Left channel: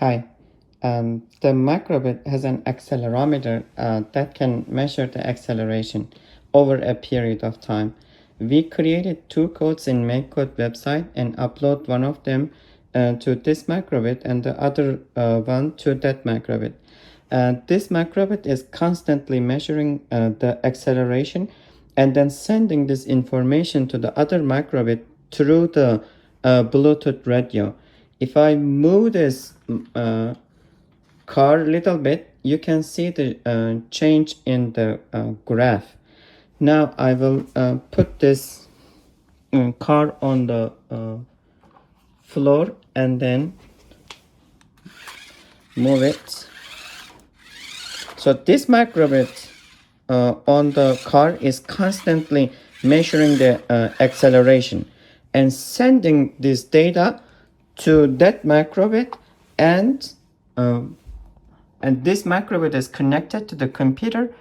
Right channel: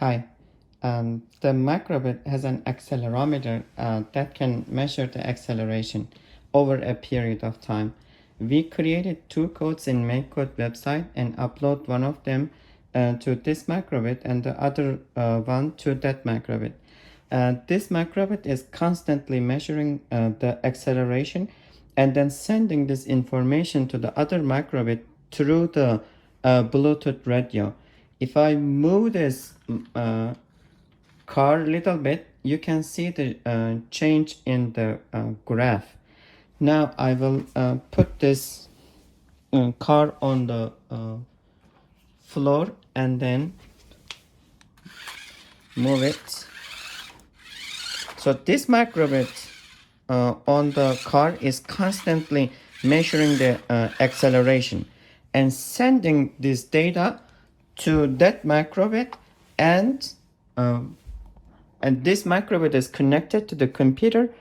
Hi. The Microbit has an accelerometer that can measure the acceleration over a period of time. We created two codes in MakeCode website and upload one of them to this Microbit and the other one to that Microbit. This Microbit is constantly measuring the acceleration and then sending this information to the other Microbit through the Bluetooth radio. If I move this car a little bit, you can see the change in the graph. Now I will put this car on the floor and then move it. So this microbit on the car is constantly measuring the acceleration and sending this data to that microbit, and this microbit is connected to the computer,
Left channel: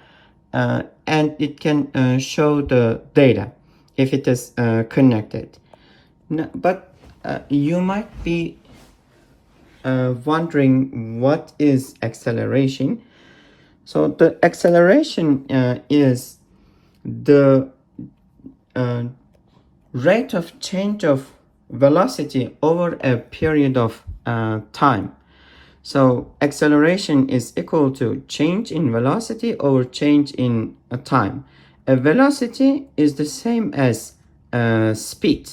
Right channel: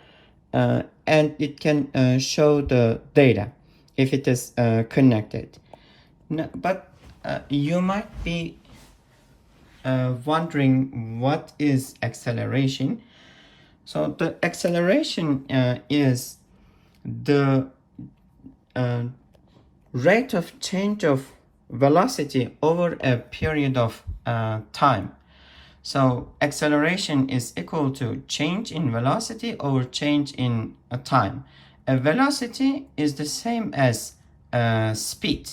and it can show the data if it is connected. No, but you might be wondering what is acceleration. So the acceleration is the rate of change of velocity over a period of time. So acceleration is equal to change in velocity over change in time. A velocity is the same as speed.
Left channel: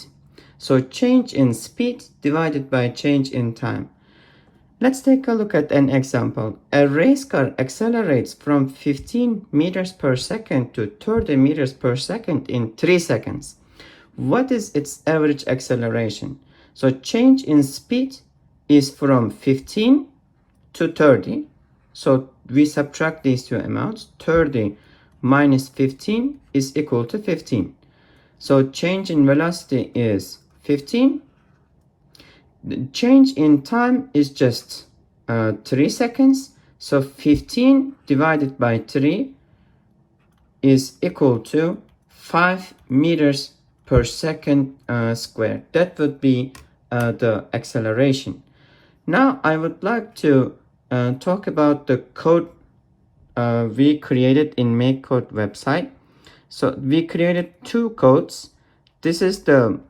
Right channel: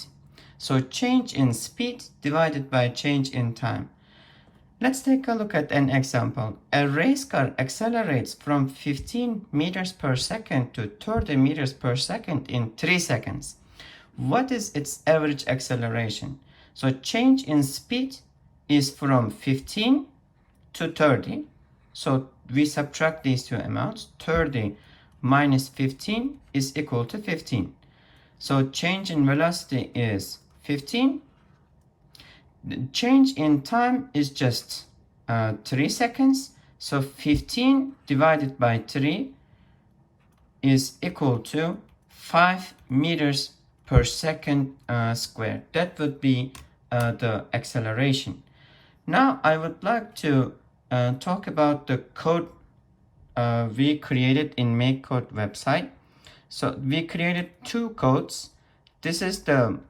So change in speed divided by change in time. Let's take a look at an example. A race car accelerates from 15 meters per second to 30 meters per second in 3 seconds. What is its average acceleration? So change in speed is from 15 to 30. So we subtract these two amounts. 30 minus 15 is equal to 15. So change in velocity is 15. The change in time is just 3 seconds. So 15 divided by 3 is equal to 5 meters per second squared. That would be the acceleration. Now I would like to talk about the code we created in MakeCode website. So we created two codes. This is the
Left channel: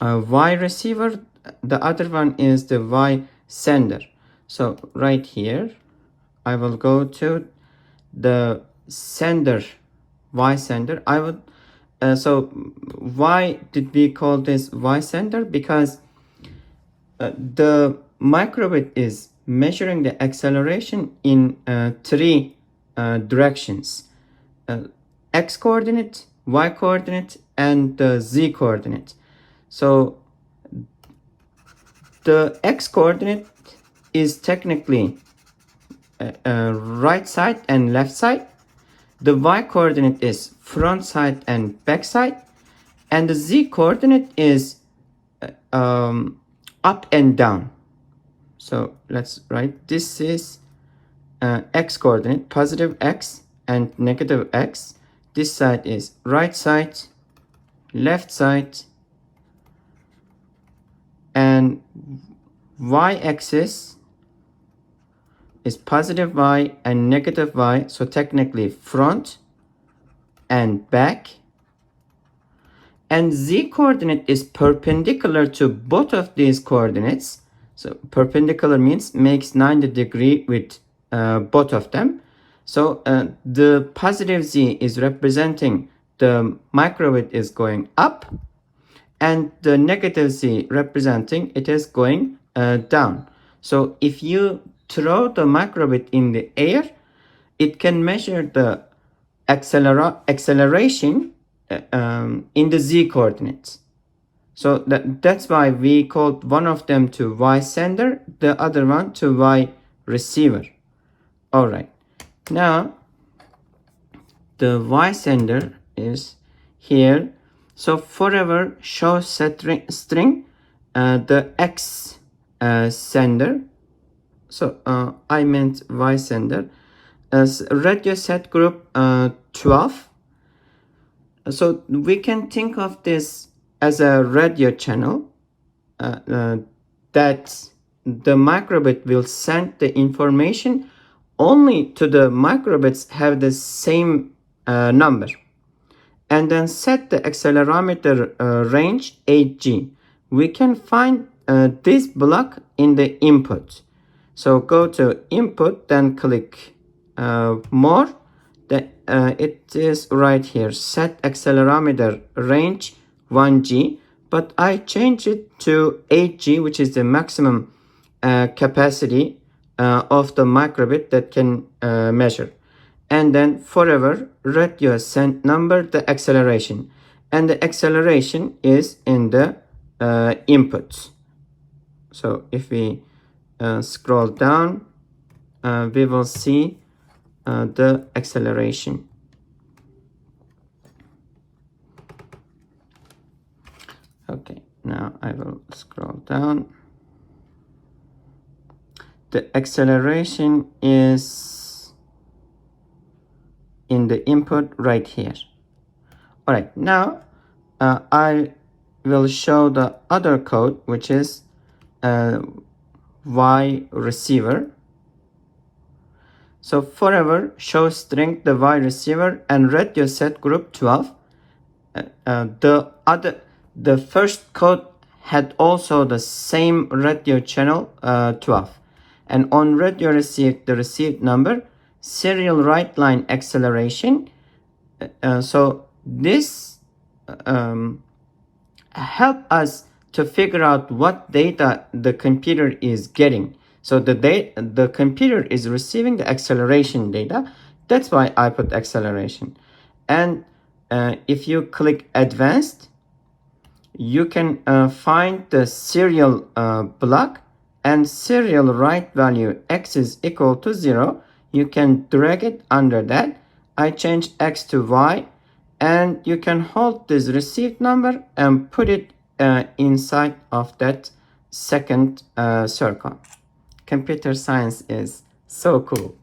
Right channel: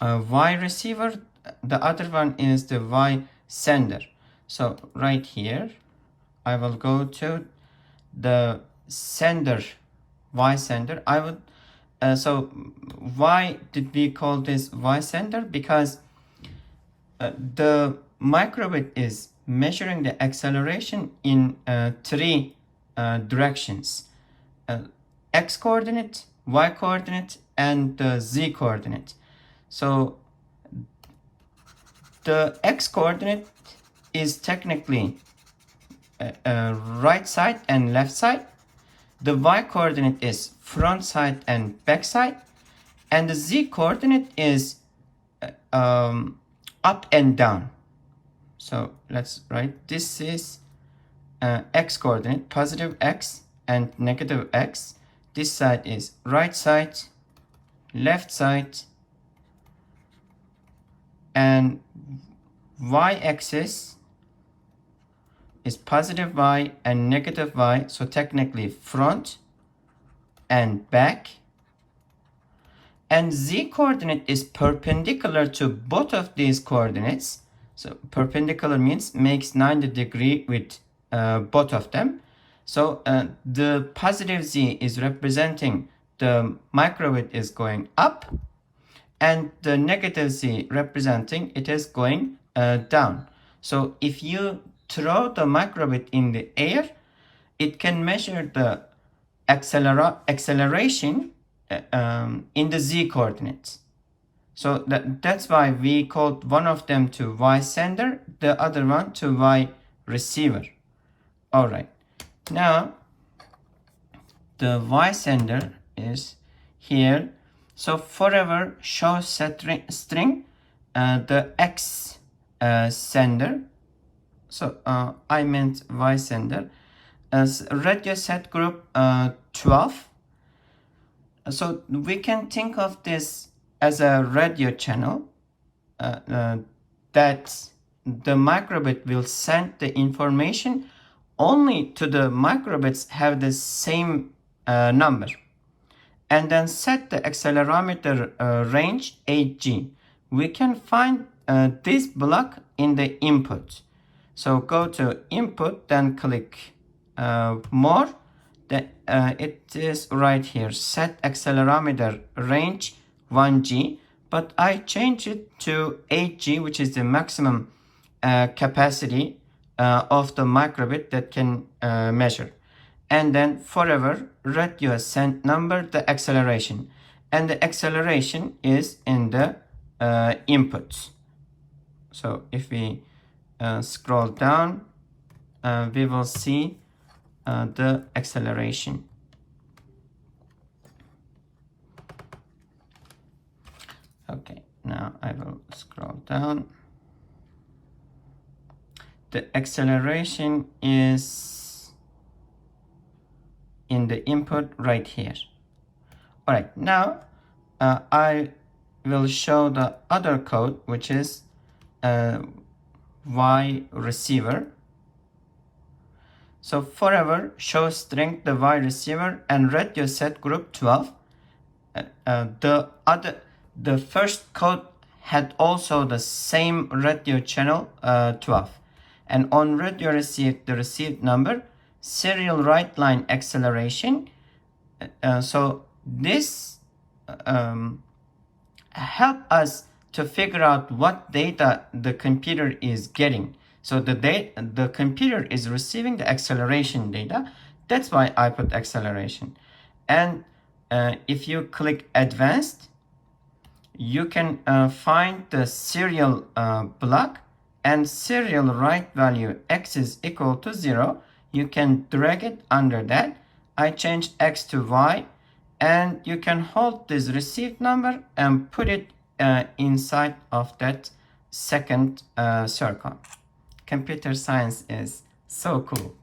Y receiver. The other one is the Y sender. So right here, I will go to the sender, Y sender. I would so why did we call this Y sender? Because the microbit is measuring the acceleration in three directions: x coordinate, y coordinate, and the z coordinate. So the x coordinate is technically right side and left side. The y coordinate is front side and back side, and the z coordinate is up and down. So let's write, this is x coordinate, positive x and negative x. This side is right side, left side, and y-axis is positive y and negative y, so technically front and back. And z coordinate is perpendicular to both of these coordinates. So perpendicular means makes 90 degrees with both of them. So the positive z is representing the microbit is going up, and the negative z representing it is going down. So if you throw the microbit in the air, it can measure the acceleration in the z coordinates. So that's why we called one of them to Y sender, the other one to Y receiver. All right. Now the Y sender is here. So forever show string the X sender. So I meant Y sender. As radio set group 12. So we can think of this as a radio channel that the microbit will send the information only to the microbits have the same number. And then set the accelerometer range 8G. We can find this block in the input. So go to input, then click more. It is right here, set accelerometer range 1G, but I change it to 8G, which is the maximum capacity of the microbit that can measure. And then forever radio send number the acceleration, and the acceleration is in the input. So if we scroll down, we will see the acceleration. Okay, now I will scroll down. The acceleration is in the input right here. All right, now I will show the other code, which is Y receiver. So forever show string the Y receiver and radio set group 12. The first code had also the same radio channel 12, and on radio receive the received number serial write line acceleration. So this help us to figure out what data the computer is getting. So the computer is receiving the acceleration data. That's why I put acceleration. And if you click advanced, you can find the serial block and serial write value x is equal to 0. You can drag it under that. I changed x to y, and you can hold this received number and put it inside of that second circle. Computer science is so cool.